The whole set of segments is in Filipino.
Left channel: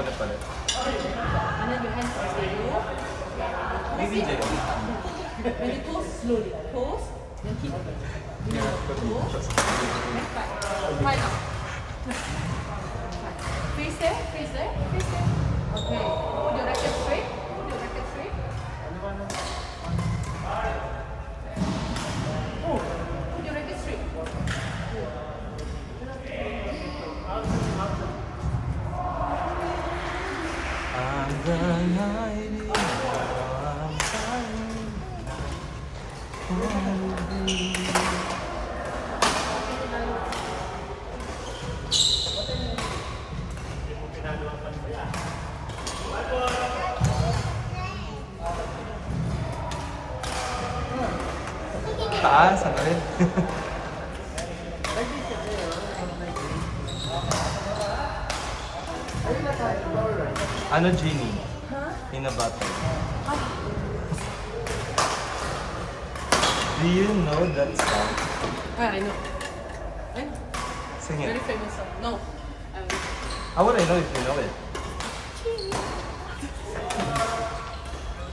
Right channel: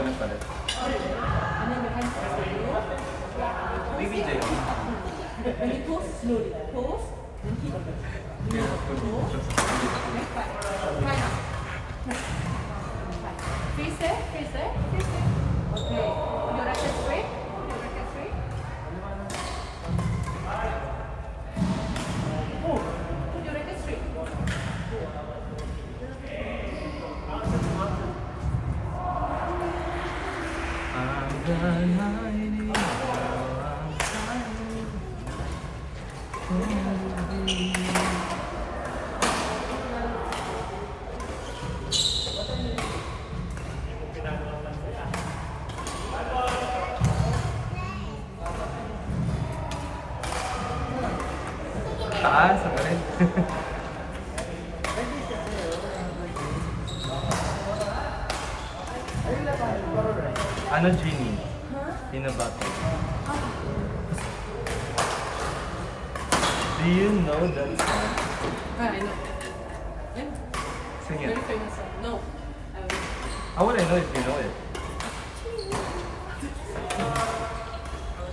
Ganun pala. And then your hands are stable. BBJ. When you toast, slowly. Toast, then keep again. Toast, then five. Try now. Face there, face there, face there. Okay. Put your racket straight. Put your racket straight. Oh, put your racket straight. I'm the lightning, I'm shining. Taas, ano rin? Ano, Genie? Hinabato. Do you know that song? Yeah, I know. I know. Sing Very it. famous song. No. How would I know if you know it?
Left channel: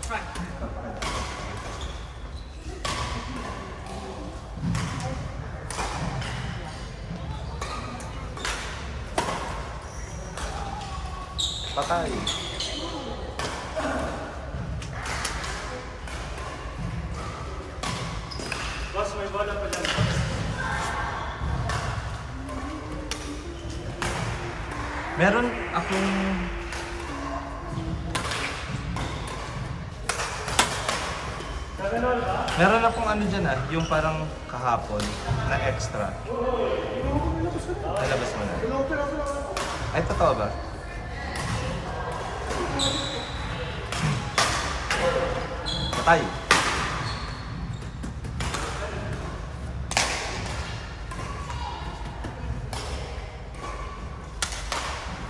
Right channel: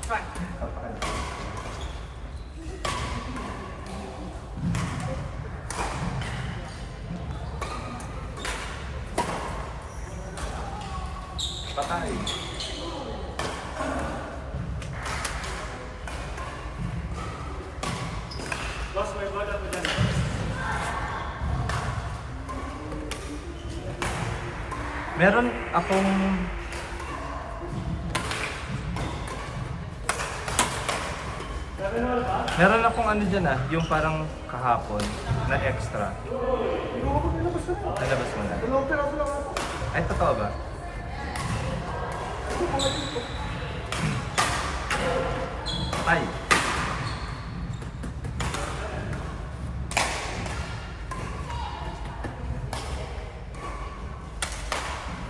Try. Papakala. Patay. Boss, may bola pa dyan. Meron akong Meron akong ano dyan yung parang kahapon na extra. Nalabas mo na. Ay, totoo ba? Patay.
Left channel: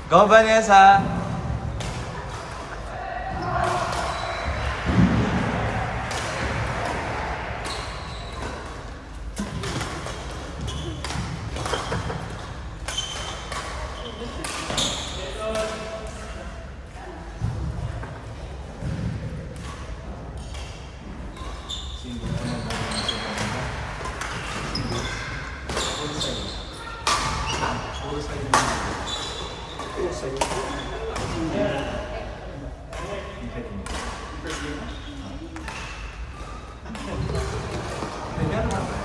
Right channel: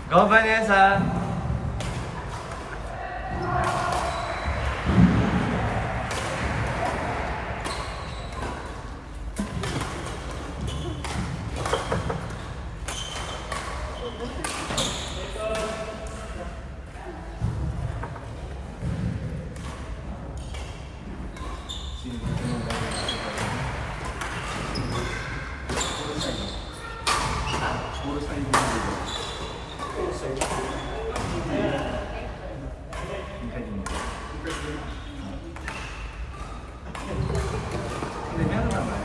Go, Vanessa! Puro sa'yo yung video. Puro sa'yo. Hindi ka din. Hindi, meron naman.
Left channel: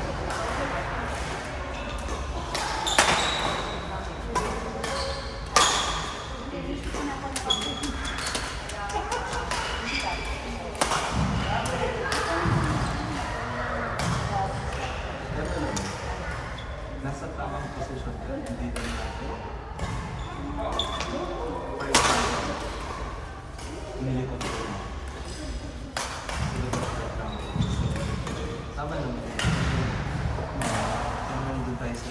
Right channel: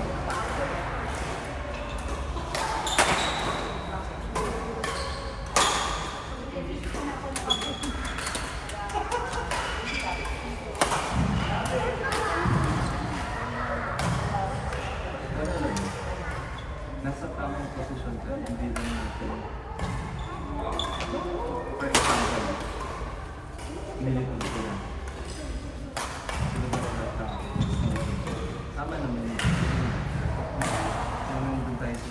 Nasa tamang posisyon ka, hindi lang natin. For example, nilikod ko lang. Tama naman yun. Kaya nandun tayo sa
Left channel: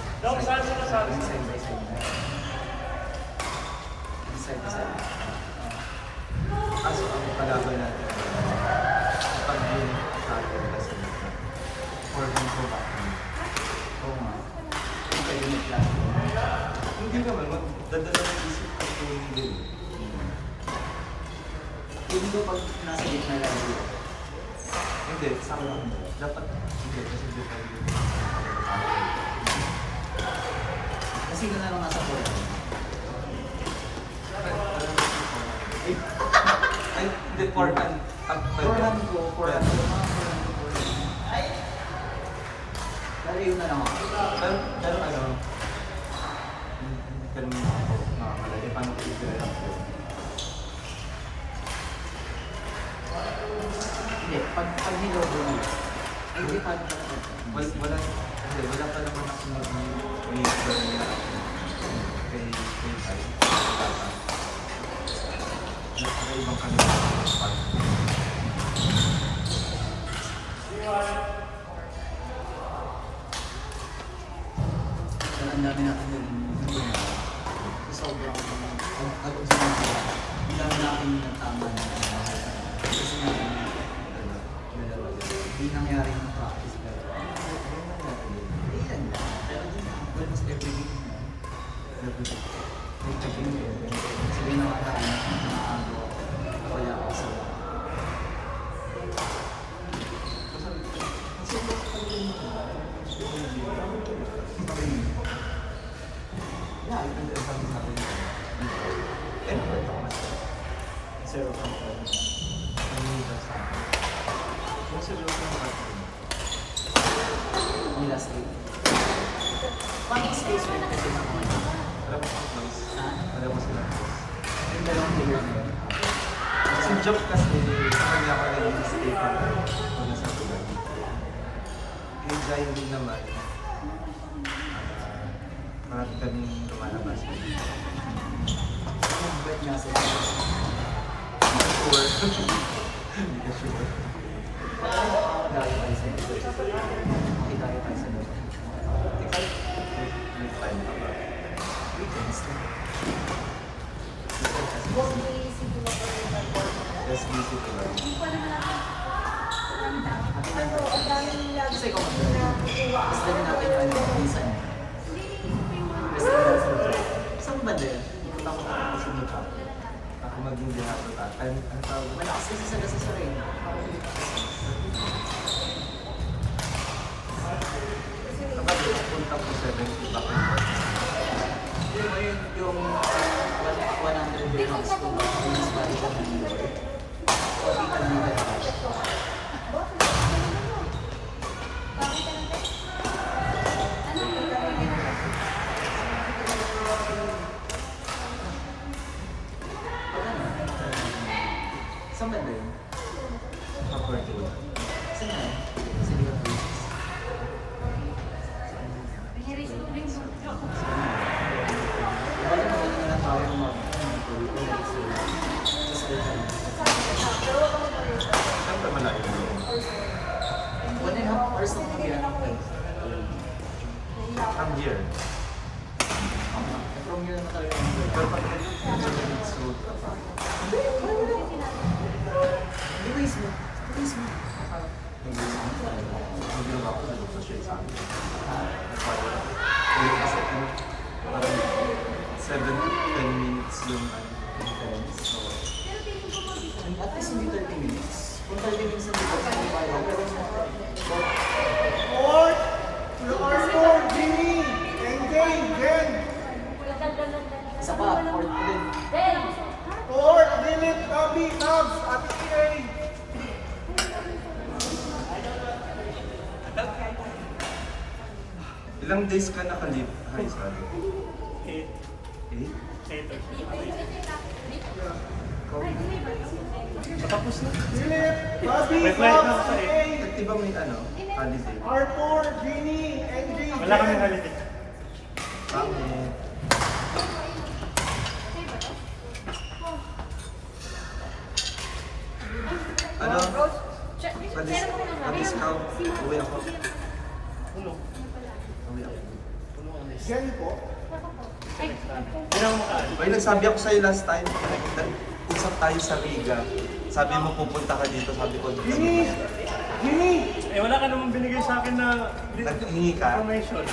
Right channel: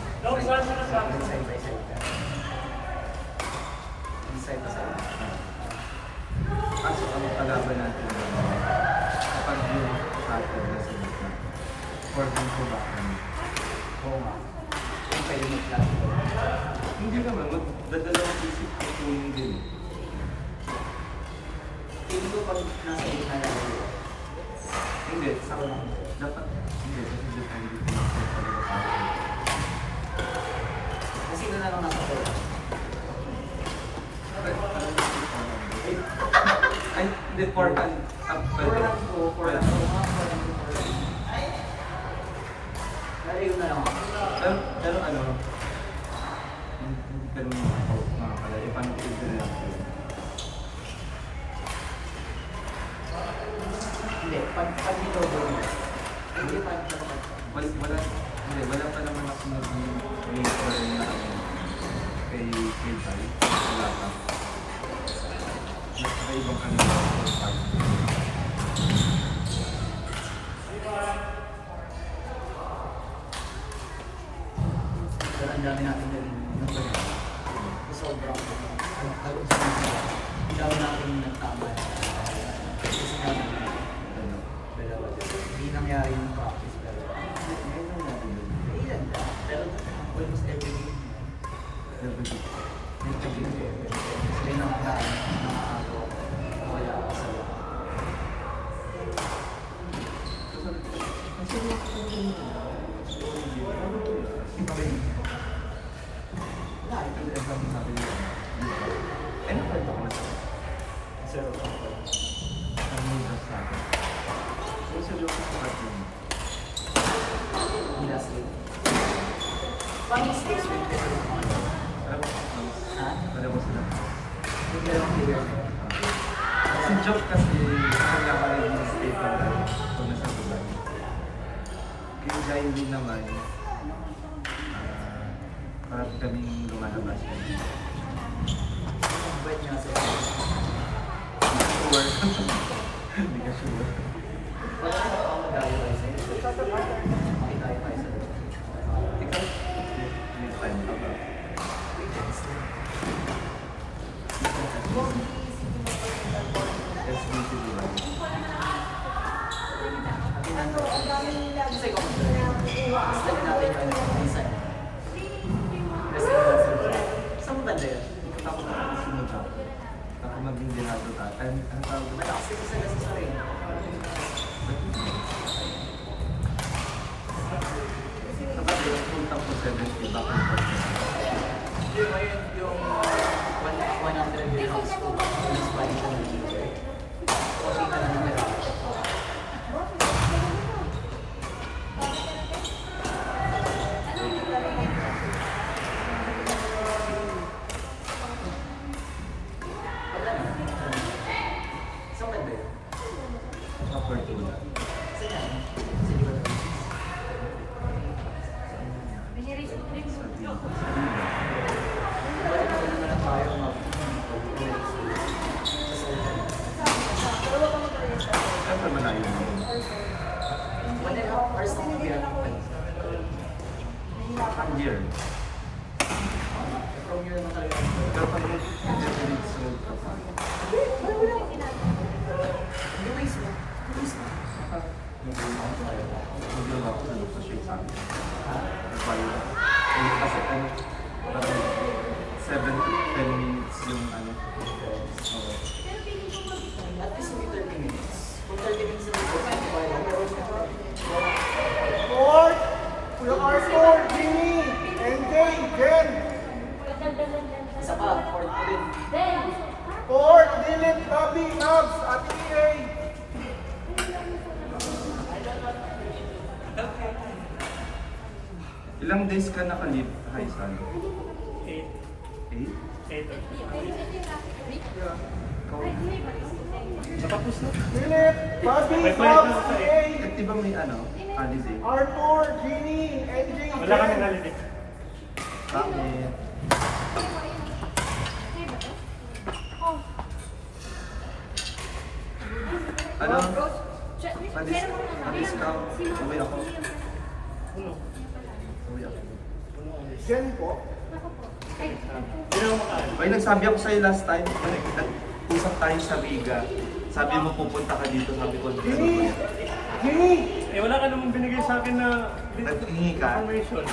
kaso ang kalaban natin kapag yun sa atin kasi for them ko ba oo nga hindi naman, magdadalawang isip ang tuwing din. Hindi pag nasa gitna yan. Hindi, sama. Dapat, hindi, kasi depende dito. Kasi na lang nasa port. Ay, hindi, forehand. Forehand ko, forehand ko. Nalayo na lang ako. Pero ano, hindi ka naman makakalala. Paano ko i-grab yun? Hindi, pag nilog doon yan. Hindi pa Wala pa naman ako nag-i-grab niya ako kay Tay. Wala pa. Nakaibang kami sa part. Pero ang dami natin din. Sobrang hagod sa mga hindi natin yung tama. Kasi hindi nangyari yung practice. Every day. Sabi na nakaraan. Wala ako sa... Kasi wala ko pag yun. Wala, ito din ang sabi ko. Ano ba ito? Zero. Ano yung sa akin? Kung seryoso ang partner mo. Nila sleep. Paano space mo kasi lang ako? Alam mo kung mas, Ha? alam mo sila. Yung dalawang figure mo. Kasi joke kasi sa kanya ka naging stay pa lang pag nasa Dubai. Yung Jai din naman, parang kaming lumalabas. Ang birth niya sa Sure. Hindi ka sure. May time ka ba? SBC Dubai. Takot ako sunod ka. Ako maging dinato ka. Ano tawag mo? Kapag punta ko 70 back and forth. Sa Fortuna. Saan ka malayo mo? From here. Pero pag nag-Everett Road ka pa, hindi ginawa ko sa loob sa shade sa akin. Kaya, kasi ano, parang 7 to 10 minutes yung ano. So, At least hindi 30 minutes. Kung 30 minutes na Ford! Kuya Arthur! Jimmy! NJ! Jen! isa pa, 4 ulit. Ford! Dilip! Tabi! Nabs! At EA! ilang days ka naka-leave high school? 8. 8? 8 or Ikaw, Matapos na. Dilip! Tabi! May flight na Nabs! ako sa EA! di ba may ano, holiday? Arthur! Jimmy! NJ! Wala kami Jen! holiday. Bakit? Ano? Pa-discount. Uwi ako. Puno. Uwi ako. Puno ang list. Jen po. Hindi na ako makaalis. Bay, nagsabi ako sa'yo last time, usap tayo sa Riga. Sabi mo pupunta ka dito, sabi ko, Jimmy! Jimmy! Eh, wala ka naman binigay sa akin na Naghingi ka? information.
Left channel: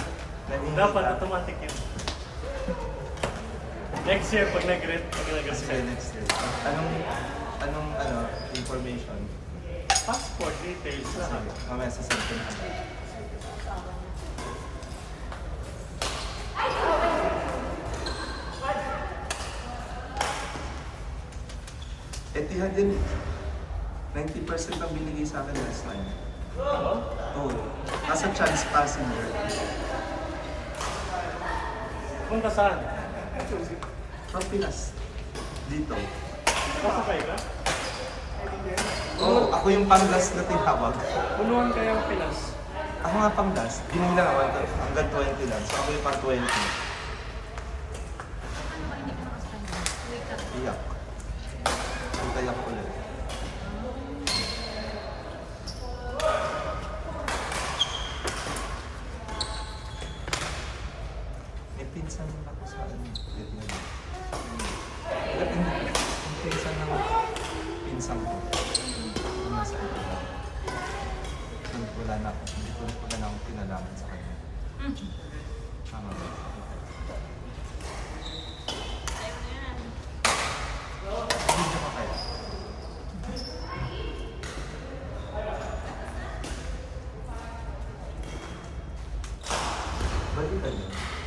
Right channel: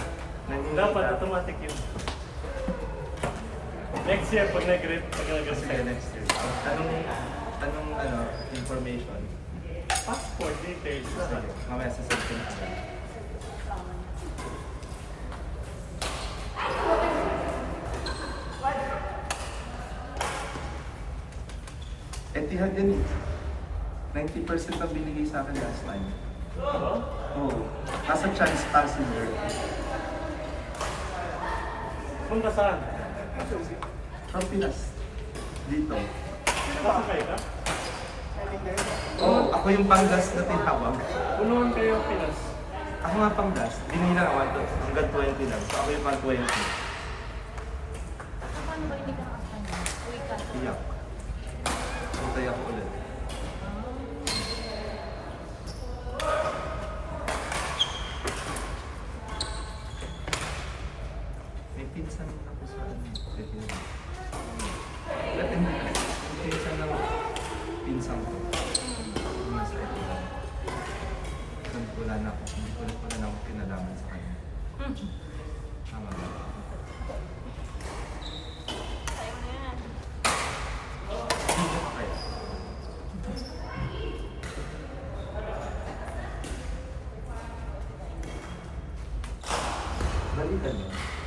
Naghingi Dapat ka? automatic yun. Next year, pag Sige, nag-reset. next year. Anong information? Passport details, lahat. Mamaya sa cellphone. Etihad din. 90% ang binigay sa akin last time. Oo? Oo. Nasa Charles passenger. Punta saan? From Pinas. Dito. Kasakay ka? Oo, ako yung pang-last na tinawag. Punuan kayo Pinas. Ako nga pang-last. Hindi na ako hanggang 20 lang. So ako yung pang-20. Iyak. Pantay ako ulit. May pinsan ako sa ano. Pinsan ng pinsan ko. Yung nasa Italy. Wala na ako. Hindi ko na ako pinalaman sa kanya. Tama ba? ganun.